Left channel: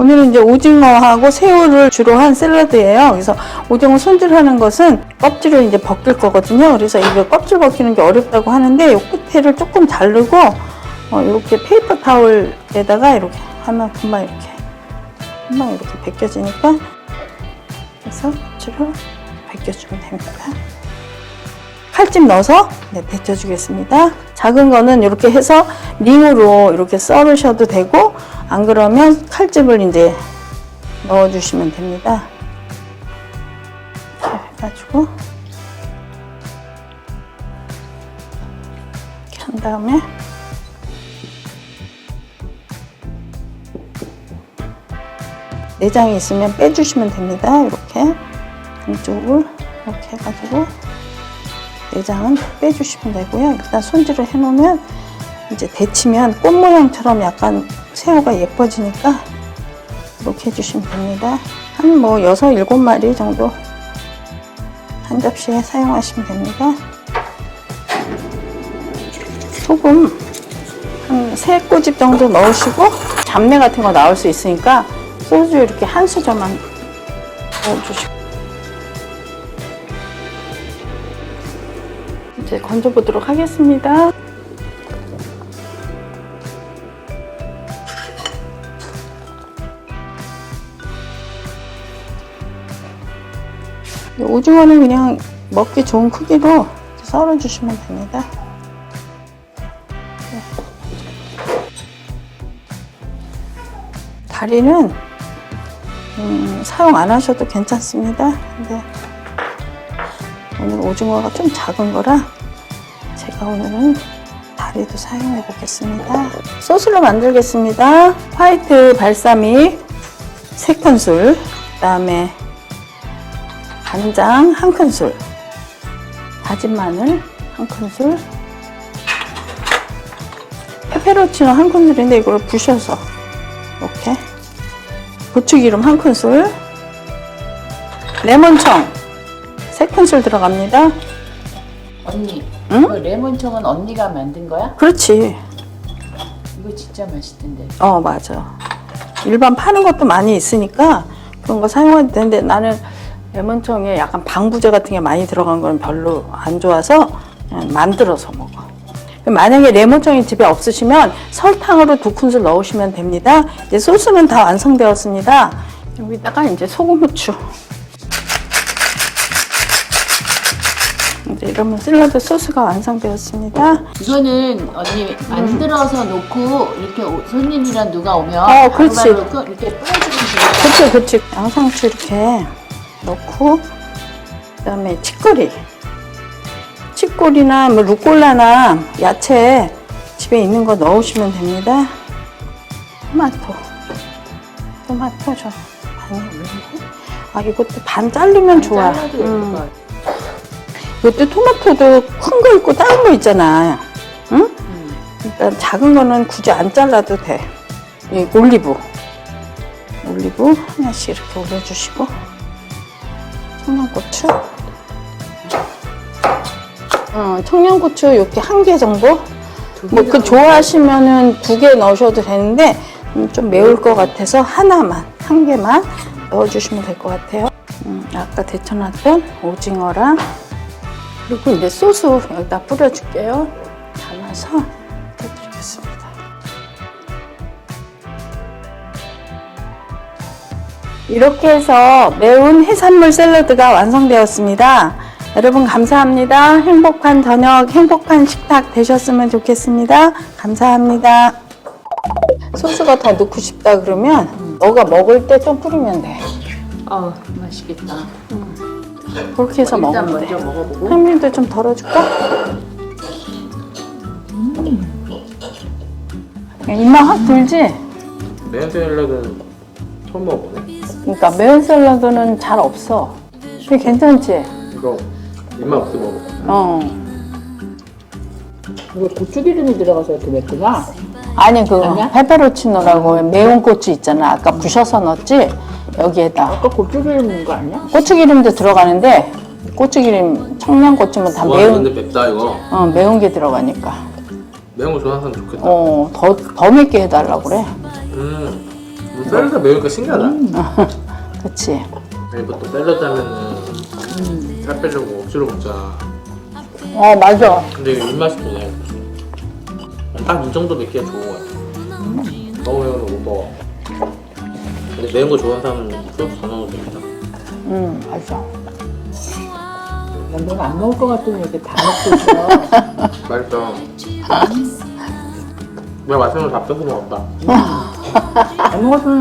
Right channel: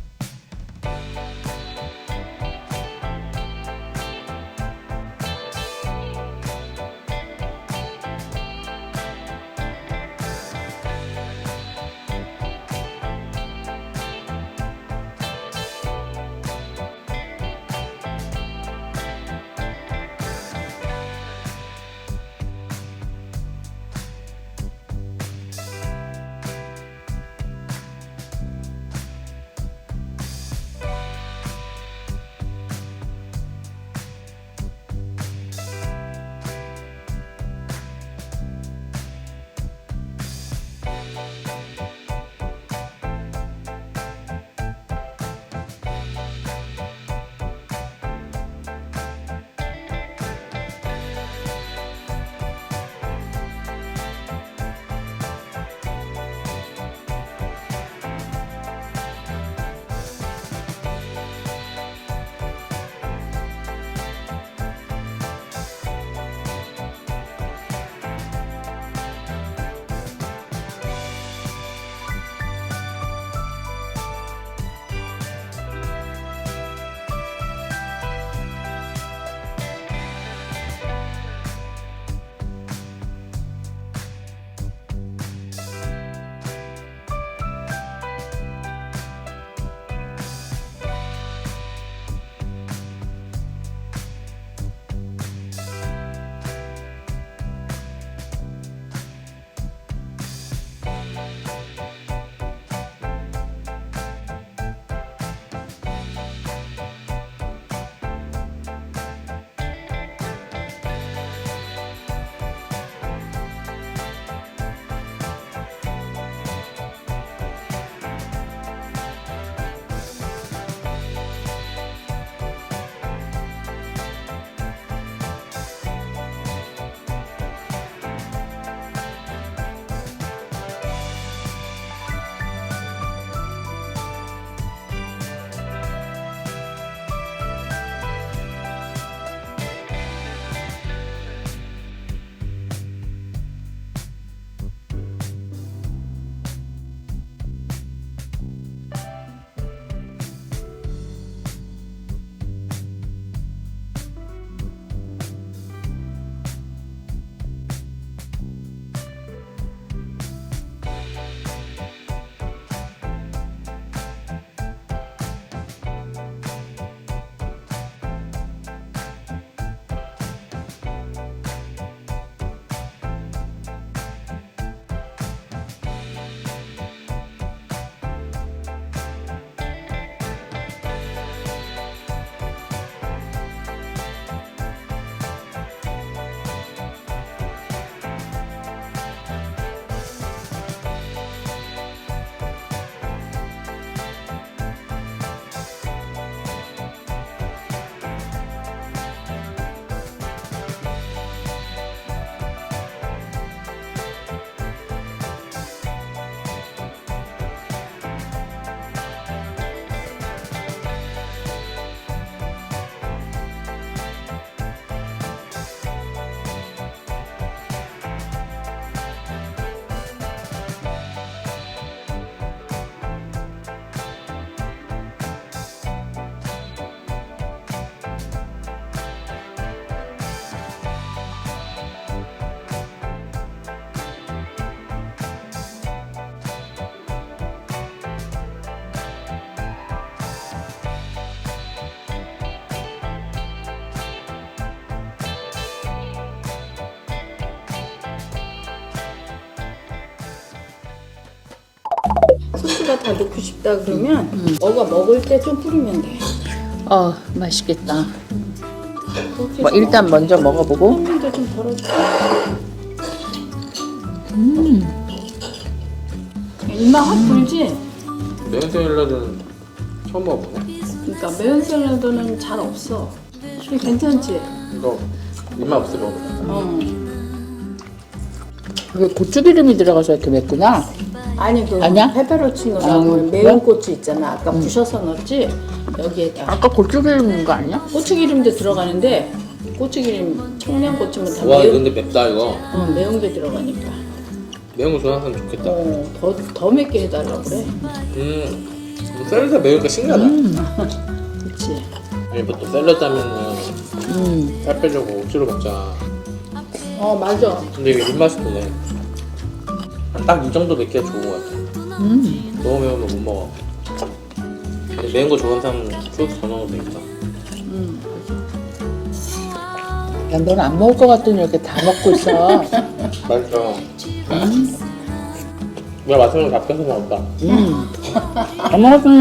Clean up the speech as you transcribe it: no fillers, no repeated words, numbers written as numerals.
오늘은 이제 오징어하고 새우를 주로 한 샐러드예요. 그래서 오징어 손질하는 것은 껍질을 이제 벗길 거거든요. 그래서 이거 껍질 벗기는 게 어렵다고 하는데 이 끝에를 조금 자르고 이렇게 페이퍼 타올에다가 이렇게 하면 금방 이렇게 벗겨지니까 그래서 껍질을 벗겨주면 됩니다. 칼집 넣어서 데쳐주겠습니다. 작은 거는 이렇게 해서 링으로 이렇게 썰으셔도 되고 안 그러면 칼집을 이제 넣어주시면 됩니다. 이렇게 해가지고 이렇게 한 다음에 내장이 있으면 빼주시면 됩니다. 이렇게 이쪽을 이렇게 해가지고 내장은 빼주시면 되고요. 일단 손질을 해놓으면 이제 데치면 꽃 모양처럼 약간 새우가 예뻐지니까 이렇게 해주시면 됩니다. 한 뭐 6, 7마리 정도 한 접시에 사용하시면 됩니다. 소금 한 3꼬집 정도 넣으시고 잡내 같은 거 나올 수 있으니까 소주 이렇게 한 수저만 넣어주시고 이제 건져보도록 하겠습니다. 오징어는 그냥 먹기 좋은 크기로 썰어주시면 됩니다. 다리는 사용 안 하셔도 괜찮습니다. 근데 오늘 오징어가 좀 작은 거라 제가 오늘은 다리도 사용해 보겠습니다. 소스를 만들겠습니다. 화이트 발사믹 3큰술, 그 다음에 간장 1큰술, 다진 마늘 1큰술, 페페로치노 1큰술인데 이걸 부셔서 이렇게, 고추기름 1큰술, 레몬청 3큰술 들어갑니다. 언니, 응? 그 레몬청은 언니가 만든 거야? 그렇지. 이거 진짜 맛있던데. 맞아. 일반 파는 것도 많이 있으니까 그런 거 사용해도 되는데 나는 레몬청에 약간 방부제 같은 게 많이 들어간 건 별로 안 좋아서 그냥 만들어서 먹어. 만약에 레몬청이 집에 없으시면 설탕으로 2큰술 넣으시면 됩니다. 이제 소스는 다 완성되었습니다. 여기다가 이제 소금, 후추. 이제 이러면 샐러드 소스가 완성되었습니다. 이거는 언니 만들어서 놓고 이렇게 손님이랑 누가 오면 그렇지. 바로바로 이렇게 뿌려주면 그렇지. 양상추 이렇게 넣고, 그 다음에 치꼬리나 뭐 루꼴라나 야채 집에 있는 거 넣으시면 됩니다. 토마토 좀. 이것도 반 자르면 좋아. 이것도 토마토도 큰 거 있고 작은 거 있잖아. 응? 일단 작은 거는 굳이 안 잘라도 돼. 이 올리브 하나씩 이렇게 올려주시고, 청양고추, 청양고추 이렇게 1개 정도. 뭐 그 좋아하시면은 2개 넣으셔도 되는데 좀 매울 것 같아서 하나만, 1개만 넣어주시면 될 것 같아요. 아까 데쳐놨던 오징어랑, 그리고 이제 소스 여기다 뿌려줄게요. 담아서 뿌려드리겠습니다. 이렇게 해서 매운 해산물 샐러드가 완성되었습니다. 여러분 감사합니다. 행복한 저녁, 행복한 식탁 되셨으면 좋겠습니다. 감사합니다. 소스가 더 넣고 싶다 그러면 너가 먹을 때 좀 뿌리면 돼. 맛있겠다. 그렇게 해서 일단 먹으면 먼저 돼. 먹어보고. 현미도 좀 덜어줄까? 입맛 확 들지? 매운 샐러드는 처음 먹어보네. 그러니까 매운 샐러드는 잘 없어. 그게 괜찮지? 이거 입맛 없어 먹어. 이게 고추기름이 들어가서 이렇게 맵구나. 아니 그 아니야? 페페로치노라고 매운 고추 있잖아. 아까 부셔서 넣었지? 여기에다 아까 고추기름 넣은 거 아니야? 고추기름도 들어가는데 고추기름, 청양고추면 다 와 매운, 근데 맵다 이거. 매운 게 들어가니까. 매운 거 좋아하는 사람 좋겠다. 더 맵게 해달라고 그래. 샐러드 매우니까 신기하다. 그렇지. 보통 샐러드 하면은 살 빼려고 억지로 먹잖아. 맞아. 근데 이게 입맛인데 딱 이 정도 느끼가 좋은 것 같아. 너무 매우면 못 먹어. 근데 매운 거 좋아하는 사람은 소스 더 넣어도 되겠다. 맞아. 야, 넌 안 먹을 것 같더니 이렇게 다 먹고 있어. 맛있어. 내가 맛있는 거 다 뺏어 먹었다. 안 먹었으면